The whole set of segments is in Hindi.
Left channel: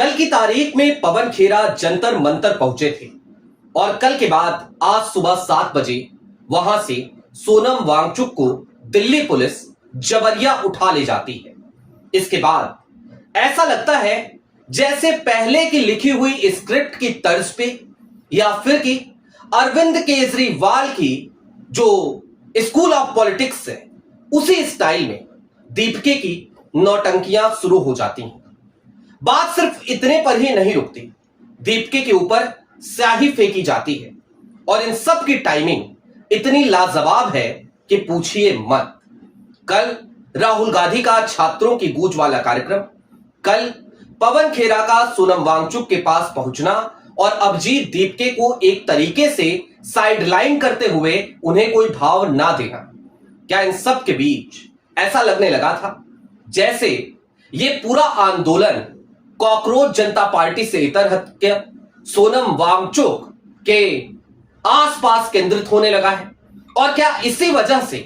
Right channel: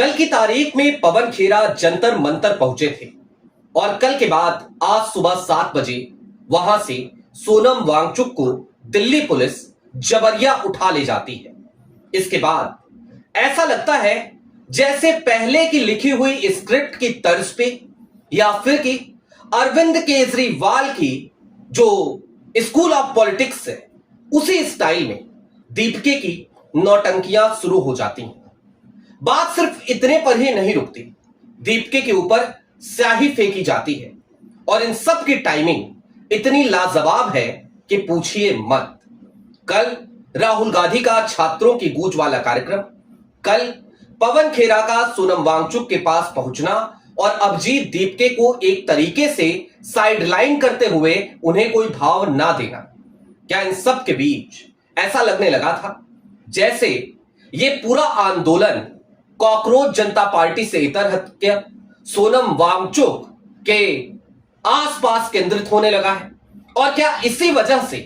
कल की तारीख में पवन खेरा जंतर मंतर पहुंचे थे और कल के बाद आज सुबह 7 बजे वहां से सोनम वांगचुक को दिल्ली पुलिस जबरिया उठा ले जाती है। इसके बाद ऐसा लगता है जैसे पहले की लिखी हुई स्क्रिप्ट की तर्ज पे या फिर कि अरविंद केजरीवाल की जो स्कूल ऑफ पॉलिटिक्स है उसी स्टाइल में दीपिका की नौटंकियां शुरू हो जाती हैं। बात सिर्फ इतने पर ही नहीं रुकती, दीपिका के ऊपर स्याही फेंकी जाती है और इन सब की टाइमिंग इतनी लाजवाब है कि पूछिए मत। कल राहुल गांधी का छात्रों की गूंज वाला कार्यक्रम, कल पवन खेरा का सोनम वांगचुक के पास पहुंचना और अभिजीत दीपिका को एक तरीके से साइडलाइन करते हुए उन्हें कोई भाव ना देना, क्या इन सब के बीच ऐसा लगने लगा था जैसे ये पूरा आंदोलन कॉकरोच जनता पार्टी से इतर हटकर सोनम वांगचुक के आसपास केंद्रित होने लगा है। और क्या इसी वजह से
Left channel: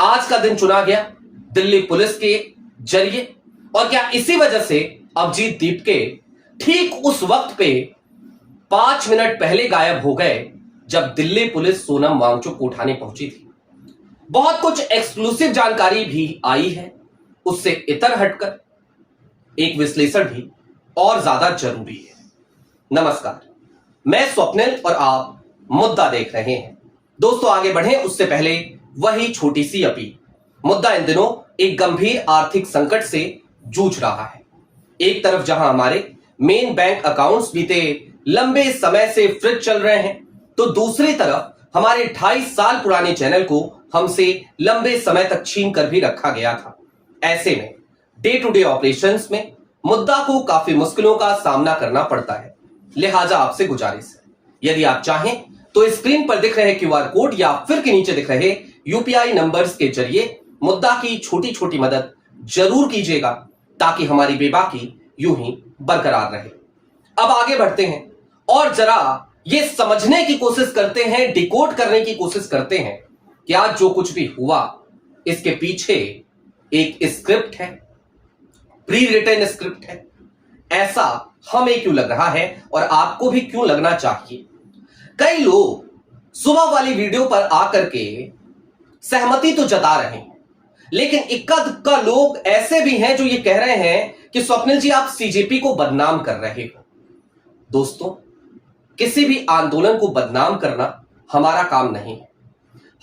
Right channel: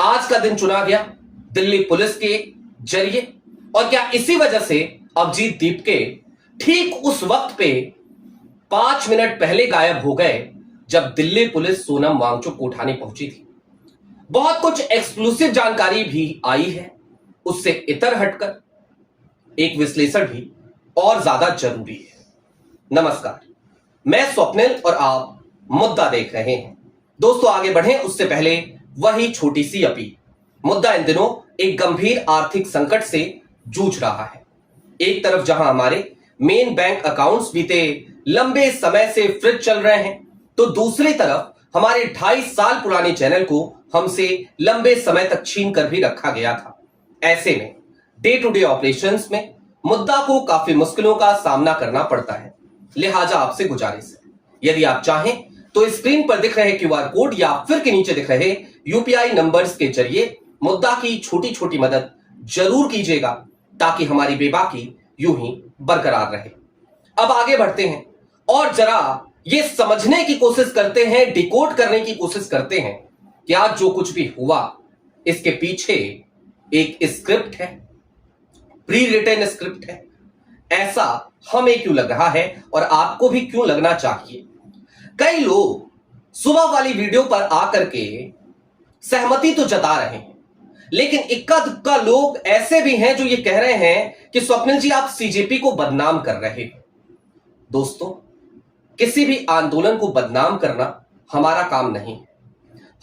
आज का दिन चुना गया दिल्ली पुलिस के जरिए, और क्या इसी वजह से अभिजीत दीपिका ठीक उस वक्त पे 5 मिनट पहले गायब हो गए जब दिल्ली पुलिस सोनम वांगचुक को उठाने पहुंची थी। बहुत कुछ एक्सक्लूसिव जानकारी भी आई है, उससे इतर हटकर एक विश्लेषण भी और ज्यादा जरूरी है। नमस्कार, मैं स्वप्निल और आप मुद्दा देख रहे हैं। दोस्तों आगे बढ़ें उससे पहले वही छोटी सी अपील। मुद्दा इन दिनों एक गंभीर आर्थिक संकट से जूझ रहा है। एक तरफ जहां हमारे मेन बैंक अकाउंट्स बीते लंबे समय से फ्रिज चल रहे हैं, तो दूसरी तरफ हमारे 2.5 साल पुराने चैनल को हमसे लंबे समय तक छीन कर भी रखा गया था। ऐसे में डे टू डे ऑपरेशंस में मुद्दा को काफी मुश्किलों का सामना करना पड़ता है। लिहाजा आपसे गुजारिश है, यदि आप चाहें तो स्क्रीन पर दिख रहे क्यूआर कोड या फिर के नीचे दिख रहे यूपीआई नंबर्स के जरिए मुद्दा की छोटी छोटी मदद जरूर कीजिएगा, ताकि हमारी बेबाकी यूं ही बरकरार रहे। अब आगे बढ़ते हैं और जरा ये समझने की कोशिश करते हैं, डिकोड करने की कोशिश करते हैं कि आज जो कुछ भी हुआ इसके पीछे एक स्क्रिप्ट है, प्री रिटन स्क्रिप्ट है। ऐसा हमें क्यों लग रहा है और आपको भी क्यों लगना चाहिए। कई लोग सुबह वाली वीडियो पर आकर के सहमति तो जता रहे हैं, लेकिन इक्का दुक्का लोग ऐसे भी हैं जो ये कह रहे हैं कि स्वप्निल जी आप सीजेपी को बदनाम कर रहे हो। दोस्तों, किसी भी आंदोलन को बदनाम करना हमारा काम नहीं है।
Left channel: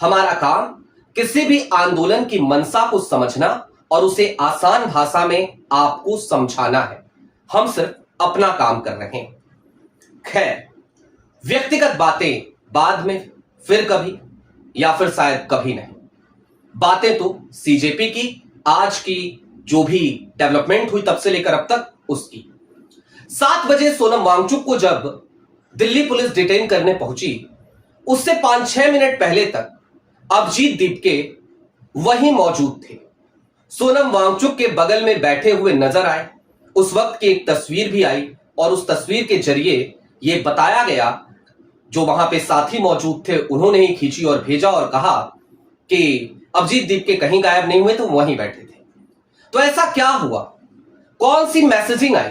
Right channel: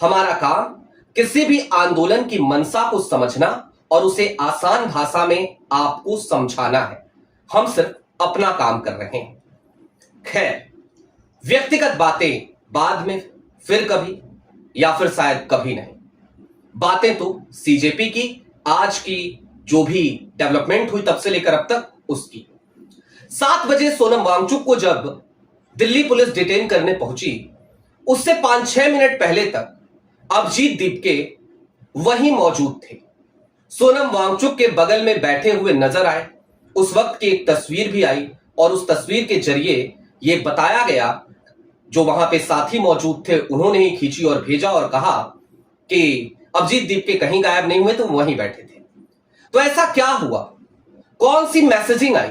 हमारा काम किसी भी आंदोलन की मंशा को समझना और उसे आसान भाषा में आपको समझाना है। हम सिर्फ अपना काम कर रहे हैं। खैर, व्यक्तिगत बातें बाद में, फिर कभी या फिर शायद कभी नहीं। बातें तो सीजेपी की आज की जो भी डेवलपमेंट हुई तब से लेकर अब तक उसकी। 7 बजे सोनम वांगचुक को जब दिल्ली पुलिस डिटेन करने पहुंची, उससे 5-6 मिनट पहले तक अभिजीत दीपिका वहीं मौजूद थे। सोनम वांगचुक के बगल में बैठे हुए नजर आए। उस वक्त की एक तस्वीर भी आई और उस तस्वीर के जरिए यह बताया गया, जो वहां पे साथी मौजूद थे उन्होंने ही खींची और भेजा और कहा कि अभिजीत दीपिका कहीं गायब नहीं हुए, तो वहीं बैठे थे। तो ऐसा क्या हुआ, कौन सी मैसेजिंग आई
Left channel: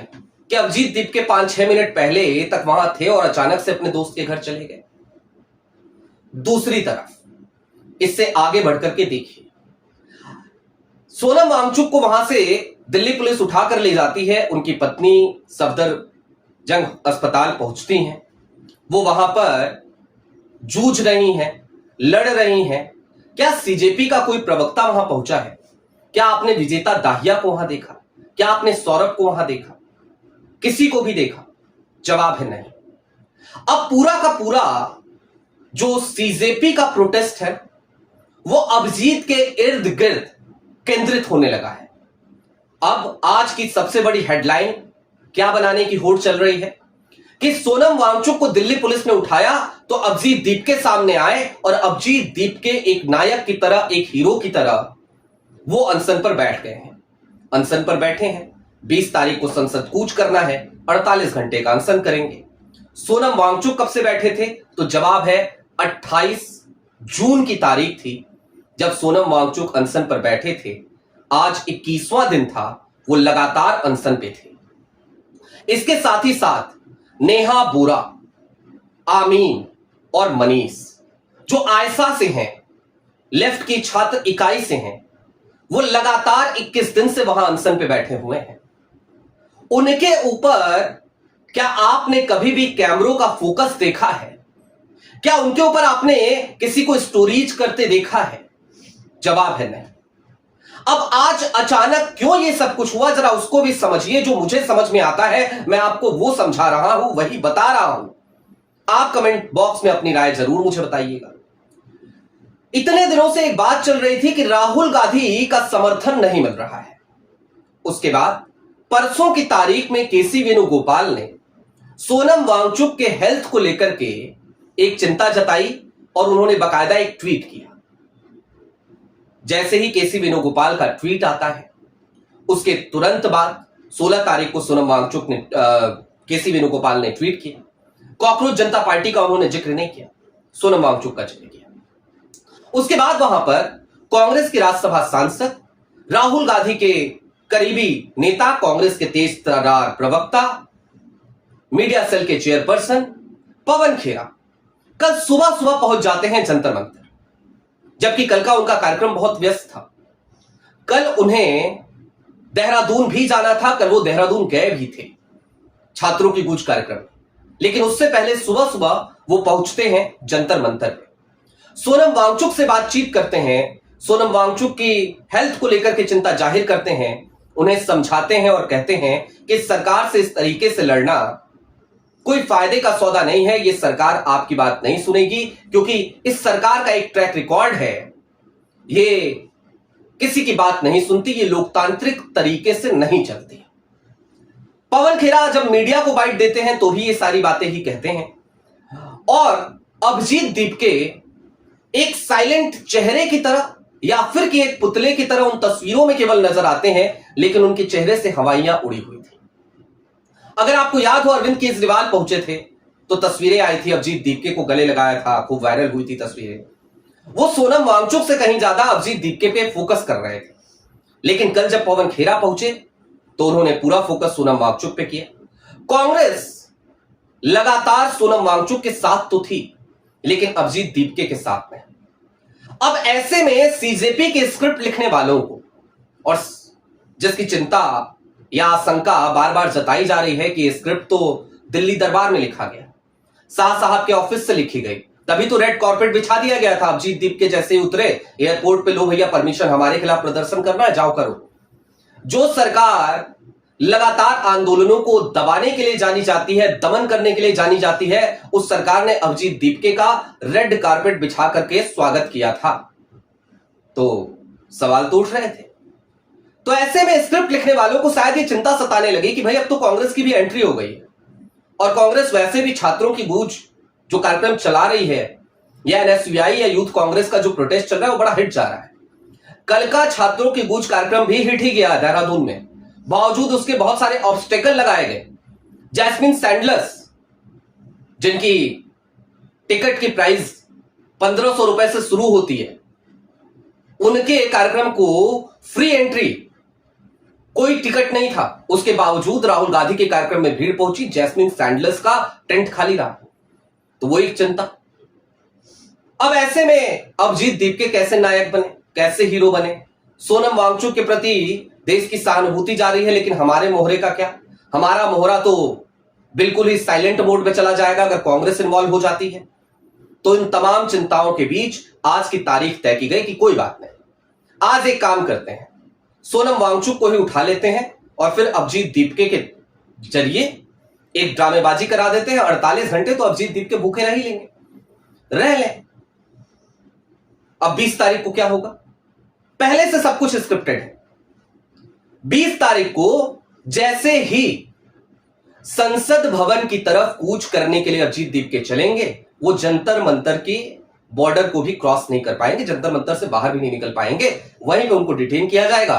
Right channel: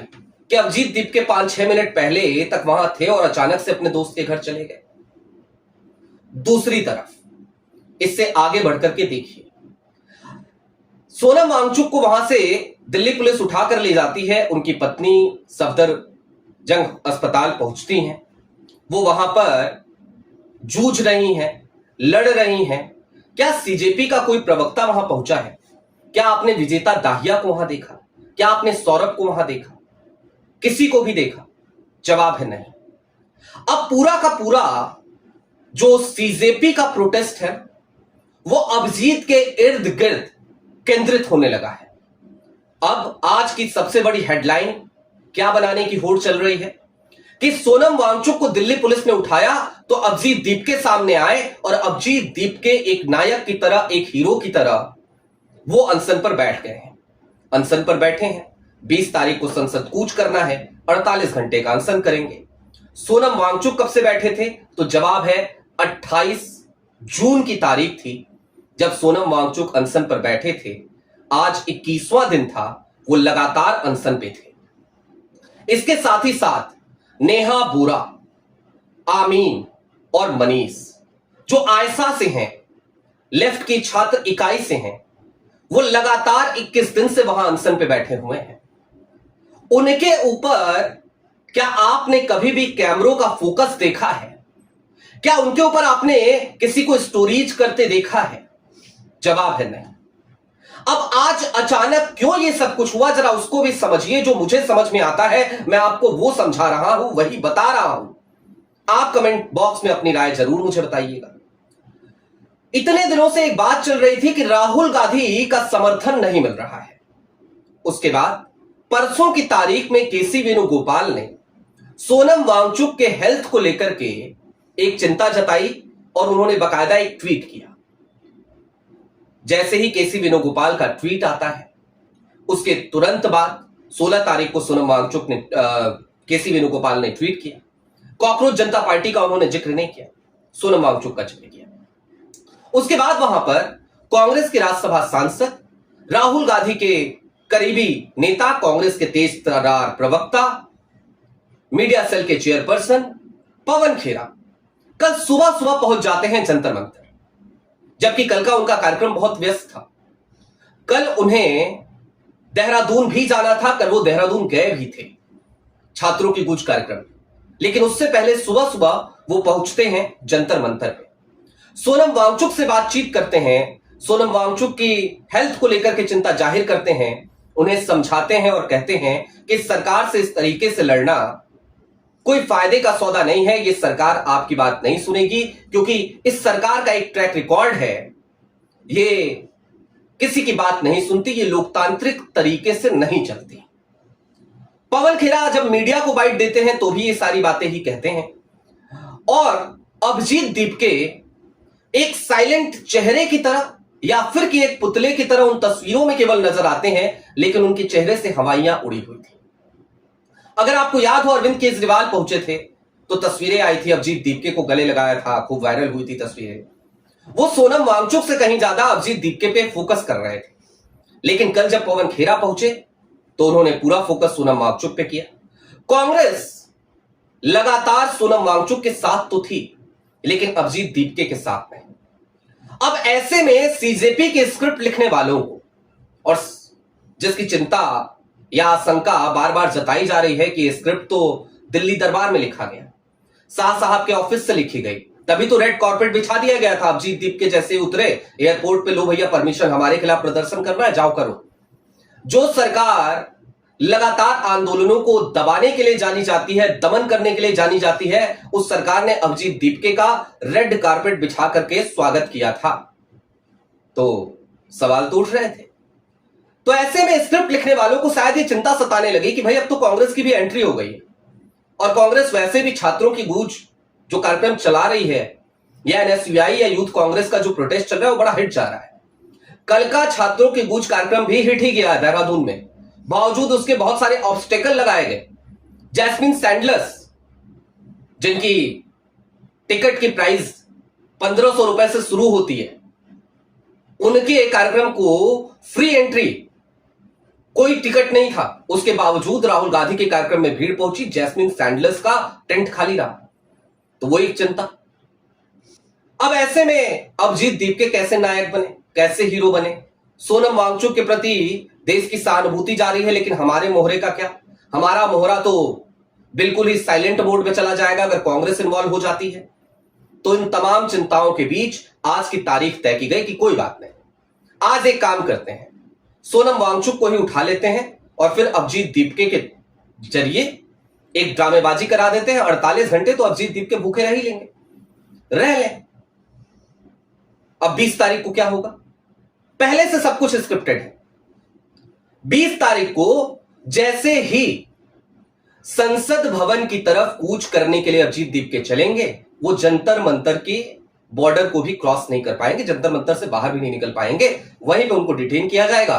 कि अभिजीत दीपिका 5-6 मिनट पहले तक वहां थे और अचानक से अपने दोस्त के घर चले गए। दूसरी तरफ इससे आगे बढ़कर के देखिए, सोनम वांगचुक को वहां से दिल्ली पुलिस उठाकर ले जाती है। उनकी पत्नी सफदरजंग अस्पताल पहुंचती हैं। वो वहां पर जूझ रही हैं, लड़ रही हैं। क्या सीजेपी का कोई प्रवक्ता वहां पहुंचा है? क्या आपने विजेता दाहिया को वहां देखा? क्या आपने सौरभ को वहां देखा? किसी को भी देखा? जवाब है नहीं। अब पूरा का पूरा जो सीजेपी का प्रोटेस्ट है वो अभिजीत के इर्द गिर्द केंद्रित होने लगा है। अब आज की सबसे बड़ी हेडलाइन क्या बनाने की होड़ चल रही है कि सोनम वांगचुक को दिल्ली पुलिस ने उठाया तो अभिजीत दीपिका सामने आए और अभिजीत दीपिका एक नायक की तरह, एक हीरो की तरह वो अनशन पर बैठ गए हैं। अनशन पर बैठे हैं, 20 तारीख को संसद कूच करना है, 48 घंटे का अनशन करेंगे। सोनम वांगचुक कब से बैठे थे? तो जवाब है 28 जून की तारीख थी जब सोनम वांगचुक अनशन पर बैठे थे। आज 21वां दिन था, वो लगातार अनशन पे थे। इसके साथ ही साथ नेहा बोरा, आमीन और मनीष जो आयसा से हैं, लेफ्ट की छात्र इकाई से हैं, वो लगातार 21 दिन से वहां अनशन पे बैठे हुए हैं। उनके ऊपर क्या आपने कभी भी कैमरों का फोकस देखा है? क्या उनके ऊपर आपने किसी को स्टोरीज करते देखा है? जवाब है नहीं। अब आज अचानक क्यों ये सब कुछ हुआ, जरा उसको भी समझिए। जो मुझे समझ में आता है मैं आपको वो समझा रहा हूं, वही बता रहा हूं। आप कमेंट बॉक्स में अपनी राय जरूर मुझे बताइएगा। इतने दिनों से एक बात चल रही थी कि राहुल गांधी का समर्थन नहीं मिल रहा है। उसके बाद परसों की तारीख में केसी वेणुगोपाल ने सोनम वांगचुक के हेल्थ को लेकर के एक चिंता जताई और उन्होंने बकायदा एक ट्वीट किया। जैसे ही केसी वेणुगोपाल का ट्वीट आता है, उसके तुरंत बाद 16 तारीख को सोनम वांगचुक ने केसी वेणुगोपाल ने ट्वीट किया। कॉकरोच जनता पार्टी का उन्होंने जिक्र नहीं किया, सोनम वांगचुक का जिक्र किया। उसके बाद वहां पर कांग्रेस के राज्यसभा सांसद, राहुल गांधी के करीबी नेता, कांग्रेस के तेज तर्रार प्रवक्ता, मीडिया सेल के चेयरपर्सन पवन खेरा कल सुबह सुबह पहुंच जाते हैं जंतर मंतर, जबकि कल का उनका कार्यक्रम बहुत व्यस्त था। कल उन्हें देहरादून भी जाना था, कल वो देहरादून गए भी थे छात्रों की गूंज कार्यक्रम, लेकिन उससे पहले सुबह सुबह वो पहुंचते हैं जंतर मंतर पे। सोनम वांगचुक से बातचीत करते हैं, सोनम वांगचुक की हेल्थ को लेकर के चिंता जाहिर करते हैं, उन्हें समझाते हैं और कहते हैं कि सरकार से इस तरीके से लड़ना कोई फायदे का सौदा नहीं है। ये सरकार आपकी बात नहीं सुनेगी, क्योंकि इस सरकार का एक ट्रैक रिकॉर्ड है, ये किसी की बात नहीं सुनती, ये लोकतांत्रिक तरीके से नहीं चलती। पवन खेरा जब मीडिया को बाइट देते हैं तो भी ये सारी बातें ही कहते हैं। और अभिजीत दीपके एक साइलेंट चेहरे की तरह या फिर कि एक पुतले की तरह उन तस्वीरों में केवल नजर आते हैं, लेकिन उनके चेहरे से हवाइयां उड़ी हुई थी। अगर आपको याद हो, अरविंद केजरीवाल पहुंचे थे तो तस्वीरें आई थी, अभिजीत दीपके को गले लगाया था, खूब वायरल हुई थी तस्वीरें। वो सोनम वांगचुक से कहीं ज्यादा अभिजीत दीपके पे फोकस कर रहे थे। लेकिन कल जब पवन खेरा पहुंचे तो उन्होंने पूरा फोकस सोनम वांगचुक पे किया। कांग्रेस लगातार सोनम वांगचुक के साथ तो थी, लेकिन अभिजीत दीपके के साथ नहीं। अब ऐसे में सीजेपी के स्क्रिप्ट लिखने वालों को, और जिसकी चिंता या आशंका बार बार जताई जा रही है कि ये स्क्रिप्ट तो दिल्ली दरबार में लिखा गया, शाह साहब के ऑफिस से लिखी गई, तभी तो रेड कॉर्पेट बिछा दिया गया था। अभिजीत दीपके जैसे ही उतरे एयरपोर्ट पे, लो भैया परमिशन, हमारे खिलाफ प्रदर्शन करना है, जाओ करो। जो सरकार लगातार आंदोलनों को दबाने के लिए जानी जाती है, दमन करने के लिए जानी जाती है, उस सरकार ने अभिजीत दीपके का रेड कारपेट बिछा करके स्वागत किया था। तो सवाल तो उठ रहे थे। तो ऐसे में स्क्रिप्ट लिखने वालों को शायद ये चिंता सताने लगी कि भाई अब तो कांग्रेस की भी एंट्री हो गई है, और कांग्रेस वैसे भी छात्रों की गूंज जो कार्यक्रम चला रही है, या एनएसयूआई या यूथ कांग्रेस का जो प्रोटेस्ट चल रहा है वो बड़ा हिट जा रहा है। कल का छात्रों की गूंज कार्यक्रम भी हिट ही गया देहरादून में, बावजूद उसके बहुत सारे ऑब्स्टेकल लगाए गए। जैस्मिन सैंडलर्स, जिनकी टिकट की प्राइस 1500 रुपए से शुरू होती है, उनके कार्यक्रम को फ्री एंट्री, कोई टिकट नहीं था, उसके बावजूद राहुल गांधी के कार्यक्रम में भीड़ पहुंची, जैस्मिन सैंडलर्स का टेंट खाली रहा। तो वो एक चिंता। अब ऐसे में अभिजीत दीपके कैसे नायक बने, कैसे हीरो बने? सोनम वांगचुक के प्रति देश की सहानुभूति जा रही है, लेकिन हमारे मोहरे का क्या? हमारा मोहरा तो बिल्कुल ही साइलेंट मोड में चला जाएगा अगर कांग्रेस इन्वॉल्व हो जाती है। तो इन तमाम चिंताओं के बीच आज की तारीख तय की गई कि कोई बात नहीं, आज एक काम करते हैं, सोनम वांगचुक को ही उठा लेते हैं और फिर अभिजीत दीपके के जरिए एक ड्रामेबाजी करा देते हैं। 48 घंटे तो अभिजीत दीपके भूखे रह ही लेंगे, रह लें। अब 20 तारीख को क्या होगा? पहले से सब कुछ स्क्रिप्टेड है। 20 तारीख को जैसे ही संसद भवन की तरफ कूच करने के लिए अभिजीत दीपके चलेंगे, वो जंतर मंतर की बॉर्डर को भी क्रॉस नहीं कर पाएंगे, जंतर मंतर से बाहर भी नहीं निकल पाएंगे। वहीं पे उनको डिटेन किया जाएगा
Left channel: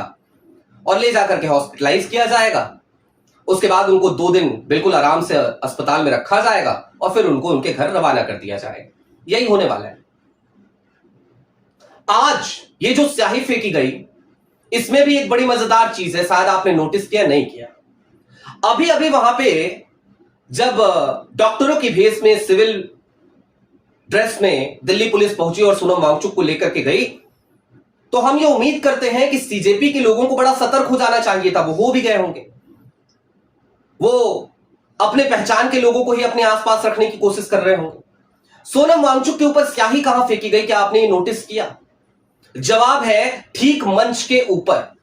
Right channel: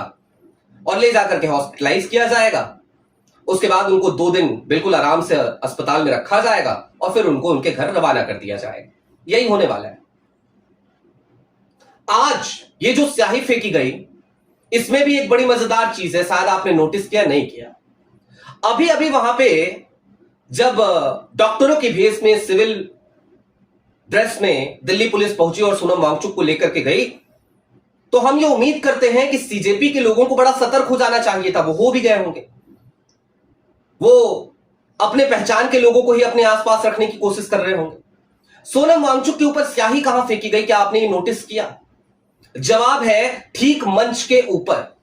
और ले जाकर के हॉस्पिटलाइज किया जाएगा। उसके बाद उनको 2 दिन बिल्कुल आराम से अस्पताल में रखा जाएगा और फिर उनको उनके घर रवाना कर दिया जाएगा। यही होने वाला है। आज ये जो स्याही फेंकी गई, इसमें भी एक बड़ी मजेदार चीज है, शायद आपने नोटिस किया नहीं किया। अभी अभी वहां पे जब डॉक्टरों की भेष में सिविल ड्रेस में दिल्ली पुलिस पहुंची और सोनम वांगचुक को लेकर के गई, तो हम ये उम्मीद करते हैं कि सीजेपी के लोगों को बड़ा सतर्क हो जाना चाहिए था। वो हो भी गए होंगे। वो अपने पहचान के लोगों को ही अपने आसपास रखने की कोशिश कर रहे होंगे। सोनम वांगचुक के ऊपर स्याही कहां फेंकी गई, क्या आपने ये नोटिस किया? जवाब है ठीक मंच के ऊपर,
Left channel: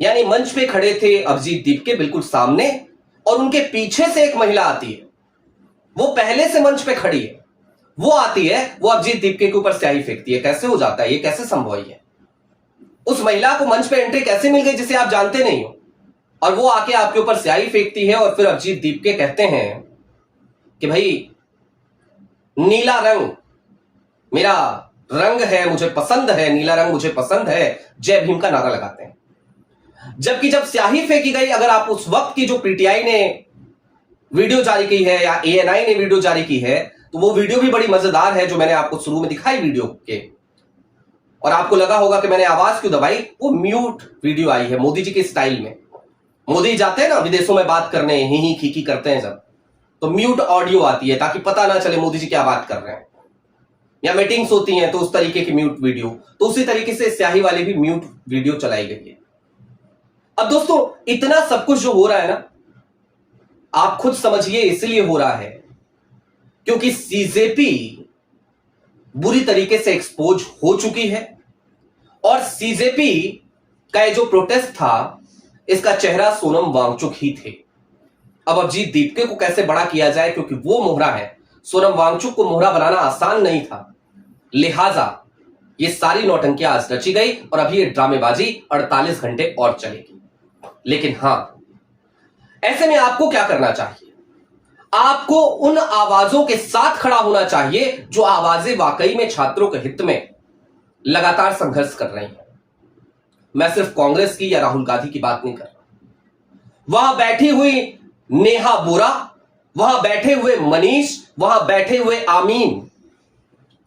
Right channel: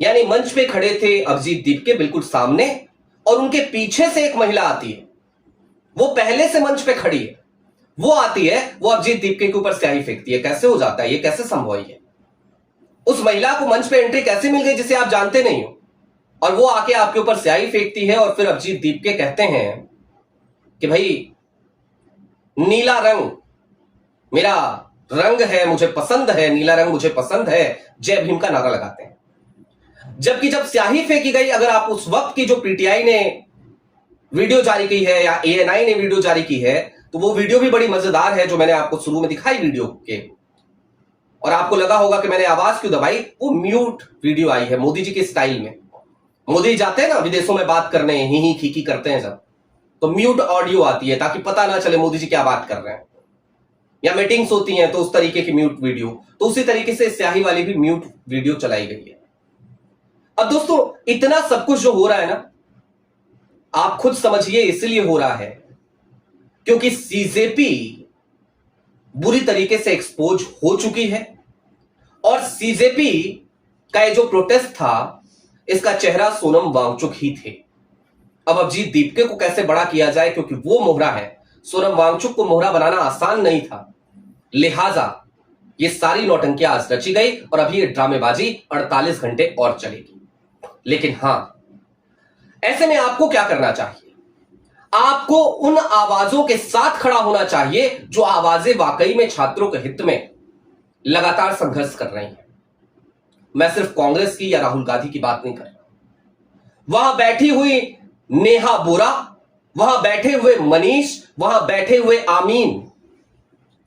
यानी मंच पे खड़े थे अभिजीत दीपके बिल्कुल सामने, और उनके पीछे से एक महिला आती है। वो पहले से मंच पे खड़ी है, वो आती है, वो अभिजीत दीपके के ऊपर स्याही फेंकती है। कैसे हो जाता है ये? कैसे संभव है? उस महिला को मंच पे एंट्री कैसे मिल गई जिसे आप जानते नहीं हो, और वो आके आपके ऊपर स्याही फेंकती है? और फिर अभिजीत दीपके कहते हैं कि भाई नीला रंग मेरा रंग है, मुझे पसंद है, नीला रंग मुझे पसंद है, जय भीम का नारा लगाते हैं। जबकि जब स्याही फेंकी गई, अगर आप उस वक्त की जो पीटीआई ने वीडियो जारी की है या एएनआई ने वीडियो जारी की है, तो वो वीडियो भी बड़ी मजेदार है, जो मैंने आपको शुरू में दिखाई वीडियो के, और आपको लगा होगा कि मैंने आवाज क्यों दबाई। वो म्यूट वीडियो आई है मोदी जी के स्टाइल में। मोदी जाते हैं ना विदेशों में बात करने, ही खीखी करते हैं जब, तो म्यूट ऑडियो आती है ताकि पता ना चले मोदी जी क्या बात कर रहे हैं। या मीटिंग्स होती हैं तो उस तरीके की म्यूट वीडियो, तो उसी तरीके से स्याही वाली भी म्यूट वीडियो चलाई गई है। अब दोस्तों इतना सब कुछ जो हो रहा है ना, आप खुद समझिए इसलिए हो रहा है क्योंकि सीजेपी बुरी तरीके से एक्सपोज हो चुकी है, और सीजेपी का ये जो प्रोटेस्ट था, इसका चेहरा सोनम वांगचुक ही थे। अब अभिजीत दीपके को कैसे बड़ा किया जाए, क्योंकि वो मोहरा है। सोनम वांगचुक को मोहरा बनाना आसान नहीं था, लिहाजा ये सारी नौटंकियां आज रची गई, और अभी ये ड्रामेबाजी 48 घंटे और चलेगी। लेकिन हां, ऐसे में आपको क्या करना चाहिए? आपको उन आवाजों के साथ खड़ा होना चाहिए जो आवाजें वाकई में छात्रों के हित में लगातार संघर्ष कर रही हैं। मैं सिर्फ कांग्रेस की या राहुल गांधी की बात नहीं कर रहा। वहां बैठी हुई नेहा बोरा, वहां बैठे हुए मनीष, वहां बैठे हुए आमीन,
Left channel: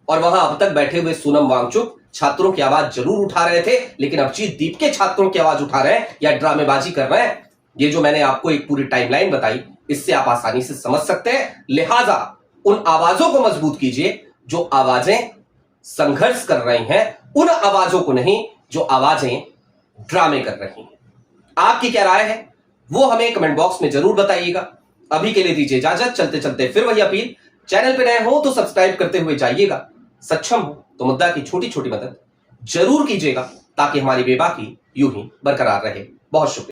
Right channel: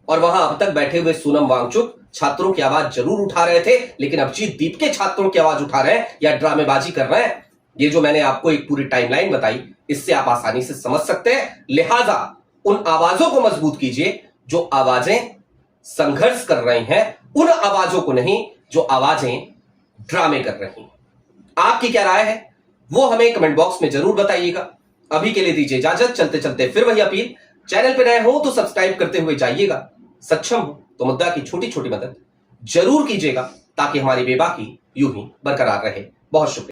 और वहां अब तक बैठे हुए सोनम वांगचुक छात्रों की आवाज जरूर उठा रहे थे, लेकिन अभिजीत दीपके छात्रों की आवाज उठा रहे हैं या ड्रामेबाजी कर रहे हैं। ये जो मैंने आपको एक पूरी टाइमलाइन बताई, इससे आप आसानी से समझ सकते हैं। लिहाजा उन आवाजों को मजबूत कीजिए जो आवाजें संघर्ष कर रही हैं, उन आवाजों को नहीं जो आवाजें ड्रामे कर रही हैं। आपकी क्या राय है वो हमें कमेंट बॉक्स में जरूर बताइएगा। अभी के लिए दीजिए इजाजत। चलते चलते फिर वही अपील, चैनल पर नए हो तो सब्सक्राइब करते हुए जाइएगा, सक्षम हो तो मुद्दा की छोटी छोटी मदद जरूर कीजिएगा, ताकि हमारी बेबाकी यूं ही बरकरार रहे। बहुत शुक्रिया।